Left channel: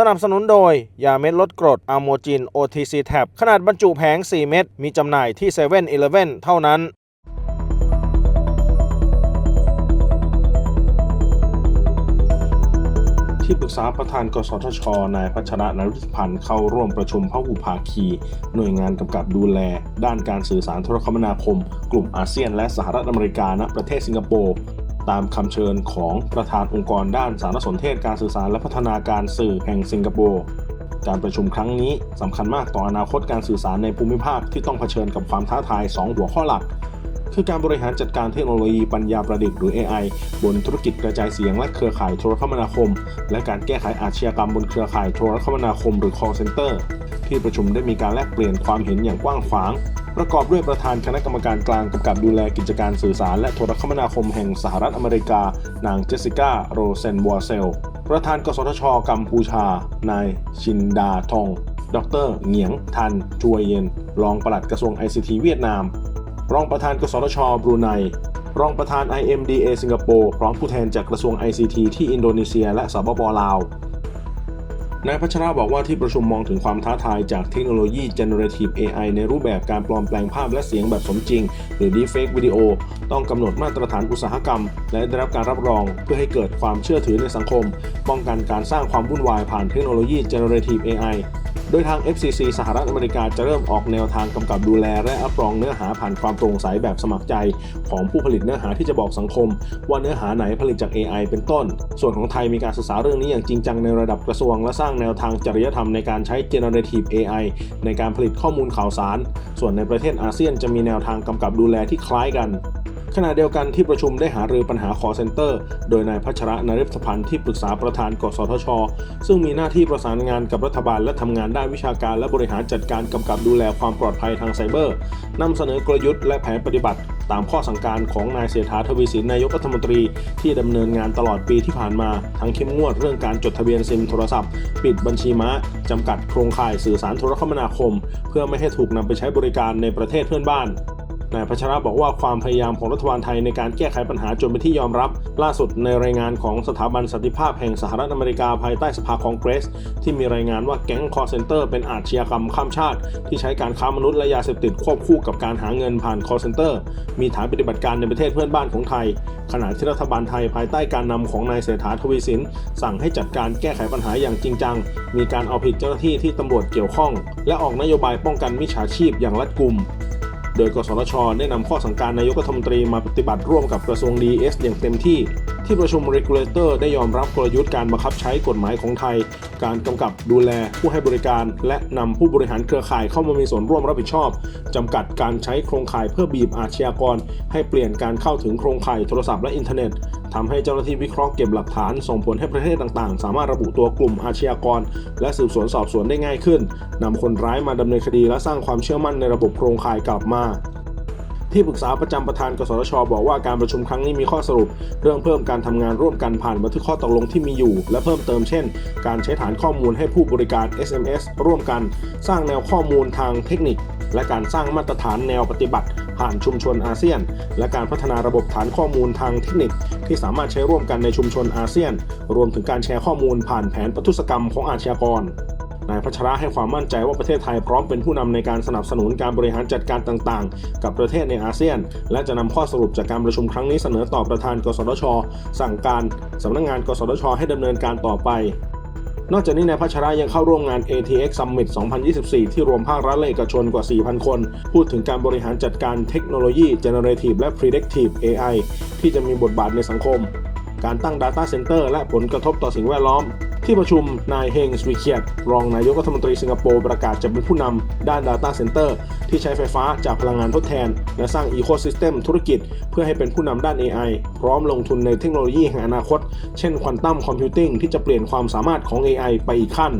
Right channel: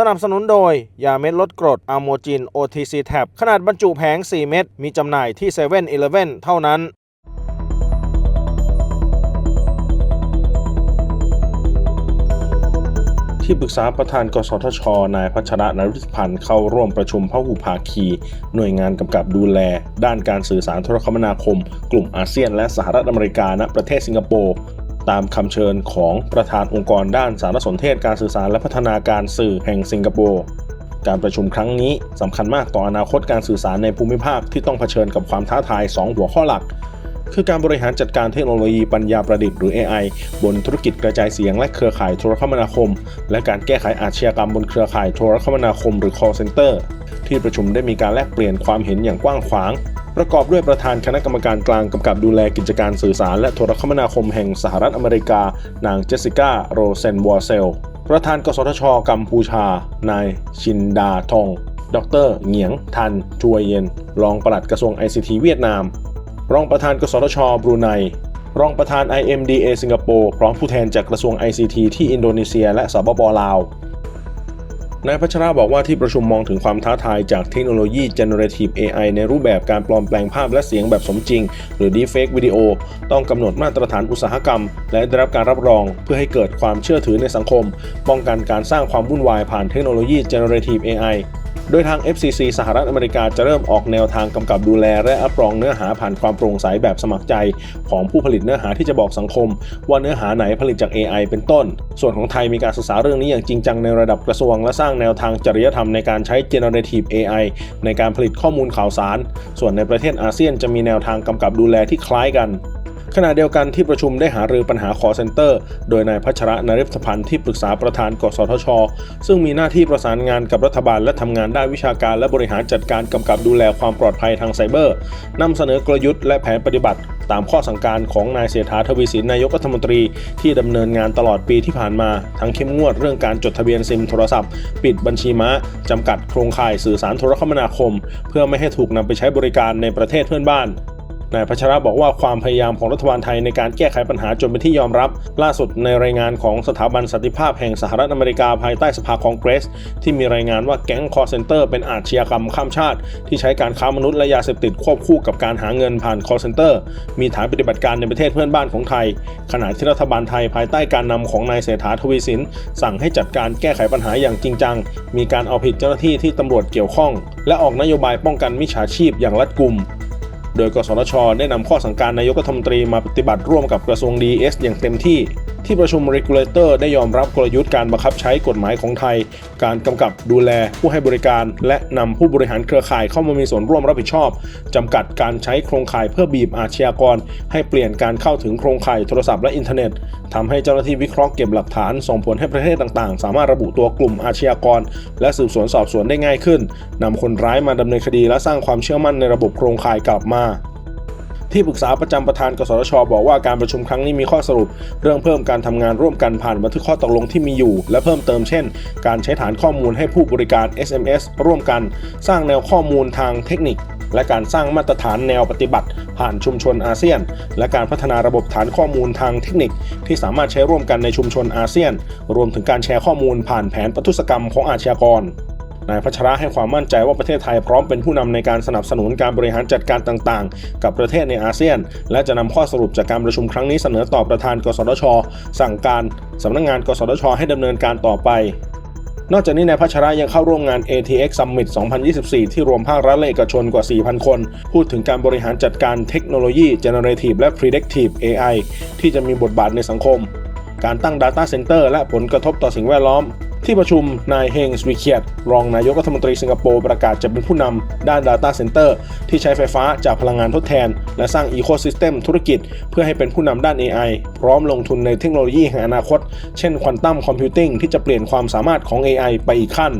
สนับสนุนโดย ยาเม็ดลดกรดอะโมจิน OTC Tab ขนาดบรรจุแผง 4 เม็ด มีจำหน่ายที่7 e เ e ่ e อเท่านั้น ที่ปรึกษาประธานกสทช นายพัชระนฤทธิพันธ์เข้าร่วมประชุมพหุภาคี หน่วยงานกำกับดูแล ด้านการสื่อสารโทรคมนาคม กลุ่มอาเซียนและสหรัฐอเมริกาณประเทศสิงคโปร์ ตามคำเชิญของประธานองค์กรด้านสารสนเทศการสื่อสารและพัฒนาการสื่อแห่งสิงคโปร์การประชุมครั้งนี้สำคัญมากต่ออนาคตการสื่อสารในภูมิภาคที่ต้องเผชิญกับความท้าทาย 2 หัวข้อหลัก คือการบริหารจัดการเทคโนโลยีปัญญาประดิษฐ์หรือ AI บนธุรกิจกระจายเสียงและเครือข่ายโทรคมนาคม และการแก้ไขอาชญากรรมบนเครือข่ายโทรคมนาคมหรือ call center ที่ประชุมได้มีการแลกเปลี่ยนความเห็นอย่างกว้างขวาง ประกอบด้วยประธานคณะกรรมการกลางกำกับดูแลกิจการสื่อสาร และโทรคมนาคมแห่งสหรัฐอเมริกา นางเจสสิก้าโรเซนวอร์เซล ประธานกสทช กัมพูชา นายชินดาทอง ดรเหงียง ทันจวยเย็น รองปลัดกระทรวง ICT เวียดนาม รองประธานกสทช บรูไน รองประธาน IMDA สิงคโปร์ พร้อมผู้แทนจากกระทรวง ICT ที่อินโดนีเซีย และสปปลาว นายพัชระบอกว่าที่ประชุมมองถึงความท้าทายจากเทคโนโลยี Generative AI ในรูปแบบการปลอมแปลงภาพและเสียงแบบสมจริง หรือ Deepfake Video ต้องกำหนดมาตรฐานอุตสาหกรรม และได้รับการรับรองเพื่อให้เกิดความเชื่อถือในสังคม ป้องกันการสร้างความวุ่นวายผ่านเทคโนโลยี Generative AI โดยทาง FCC สหรัฐอเมริกาจะเริ่มออกแนวทางกำกับดูแล และรับรองเนื้อหาผ่านความโปร่งใสแบบสมัครใจ ของผู้ผลิตเนื้อหาที่จะบอกสังคม ว่าเนื้อหาไหนผลิตจาก AI เป็นต้น ส่วนของไทยมีการศึกษาเรื่องนี้อย่างจริงจังในระดับกระทรวง และสร้างแนวทางจริยธรรมในการใช้ generative AI ในการผลิตข้อมูลข่าวสาร ส่วนในประเทศอาเซียนจะมีแนวทางกำกับดูแลที่คล้ายกัน ขณะเดียวกันที่ประชุมได้หารือปัญหา call center โดยนายพัชระนริพพันธ์ที่ปรึกษาประธานกสทช ซึ่งมีหน้าที่ประสานงานกับรัฐบาลและทำงานด้านวิชาการและบริหารจัดการกำกับดูแลความปลอดภัยทางไซเบอร์นำเสนอกลยุทธ์และแผนปฏิบัติ ตามข้อสั่งการของนายเศรษฐาทวีสินนายกรัฐมนตรี ที่ดำเนินงานตลอดปีที่ผ่านมา ทั้งเข้มงวดเรื่องการจดทะเบียนซิมโทรศัพท์ ปิดบัญชีม้าจำกัดโครงข่ายสื่อสารโทรคมนาคม เพื่อไม่ให้ถูกนำไปใช้บริการในประเทศเพื่อนบ้าน นายพัชระบอกว่าความพยายามของรัฐบาลไทยในการแก้ไขปัญหาจนเป็นที่ยอมรับ ล่าสุดในรายงานของสถาบันสันติภาพแห่งสหรัฐอเมริกาภายใต้สภาคองเกรส ที่มีรายงานว่าแก๊งคอร์เซนเตอร์เป็นอาชญากรรมข้ามชาติ ที่ใช้การค้ามนุษย์และยาเสพติดควบคู่กับการหาเงินผ่านคอร์เซนเตอร์มีฐานปฏิบัติการในประเทศเพื่อนบ้านของไทย ขณะที่รัฐบาลไทยภายใต้การนำของนายเศรษฐาทวีสินสั่งให้จัดการแก้ไขปัญหาอย่างจริงจัง มีการเอาผิดเจ้าหน้าที่ที่ตำรวจเกี่ยวข้อง และออกนโยบายป้องกันมิจฉาชีพอย่างรัดกุม โดยกสทช ได้นำข้อสั่งการนายกรัฐมนตรีมาปฏิบัติร่วมกับกระทรวงดิเอสอย่างเต็มที่ ที่ประชุม Regulator ได้ยอมรับกลยุทธ์การบังคับใช้กฎหมายของไทย การกำกับดูแลผู้ให้บริการ และนำผู้บริหารเครือข่ายเข้ามามีส่วนร่วมรับผิดชอบจำกัดการใช้โครงข่ายเพื่อบีบอาชญากร ให้เปลี่ยนการเข้าถึงโครงข่ายโทรศัพท์และอินเทอร์เน็ตทำให้เจ้าหน้าที่วิเคราะห์เก็บหลักฐานส่งผลให้ประเทศต่างๆ สามารถระบุตัวกลุ่มอาชญากร และสืบสวนสอบสวนได้ง่ายขึ้นนำคนร้ายมาดำเนินคดีและสร้างความเชื่อมั่นในระบบโครงข่ายกลับมา ที่ปรึกษาประจำประธานกสทช บอกว่าการประชุมครั้งนี้มีข้อสรุป เรื่องเพิ่มการทำงานร่วมกันผ่านบันทึกข้อตกลงที่มีอยู่ และเพิ่มเติมเช่น การใช้ฐานข้อมูลให้ผู้บริการ SMS ร่วมกัน สร้างแนวข้อมูลทางเทคนิค และการสร้างมาตรฐานแนวปฏิบัติ ผ่านชุมชนอาเซียน และการพัฒนาระบบฐานข้อมูลทางเทคนิค ที่สามารถใช้ร่วมกันในชุมชนอาเซียน รวมถึงการแชร์ข้อมูลผ่านแผนปทุศกรรมของอาชญากร นายพัชระให้ความมั่นใจว่าประเทศไทยพร้อมเป็นผู้นำในการสนับสนุนการบริหารจัดการต่างๆ กับประเทศในอาเซียน และจะนำข้อสรุปจากการประชุมครั้งนี้เสนอต่อประธาน กสทช สั่งการสำนักงงาน กสทช ให้ดำเนินการต่อไปนอกจากนี้นายพัชระยังเข้าร่วมงาน ATX Summit 2024 ที่รวมภาครัฐและเอกชนกว่า 4,000 คน พูดถึงการบริหารจัดการเทคโนโลยี Generative และ Predictive AI ที่จะมีบทบาทในสังคม การตั้ง Data Center และผลกระทบต่อสิ่งแวดล้อม ที่ประชุมนายเฮงสวิเคียตรองนายกรัฐมนตรีสิงคโปร์ประกาศจะเป็นผู้นำด้าน Data Center ที่ใช้ไฟฟ้าจากพลังงานทดแทน และสร้างอีโคซิสเต็มธุรกิจ เพื่อให้เป็นผู้นำด้าน AI พร้อมลงทุนในเทคโนโลยีแห่งอนาคต เช่นควอนตัมคอมพิวติ้งที่จะเปลี่ยนความสามารถของ AI ไปอีกขั้น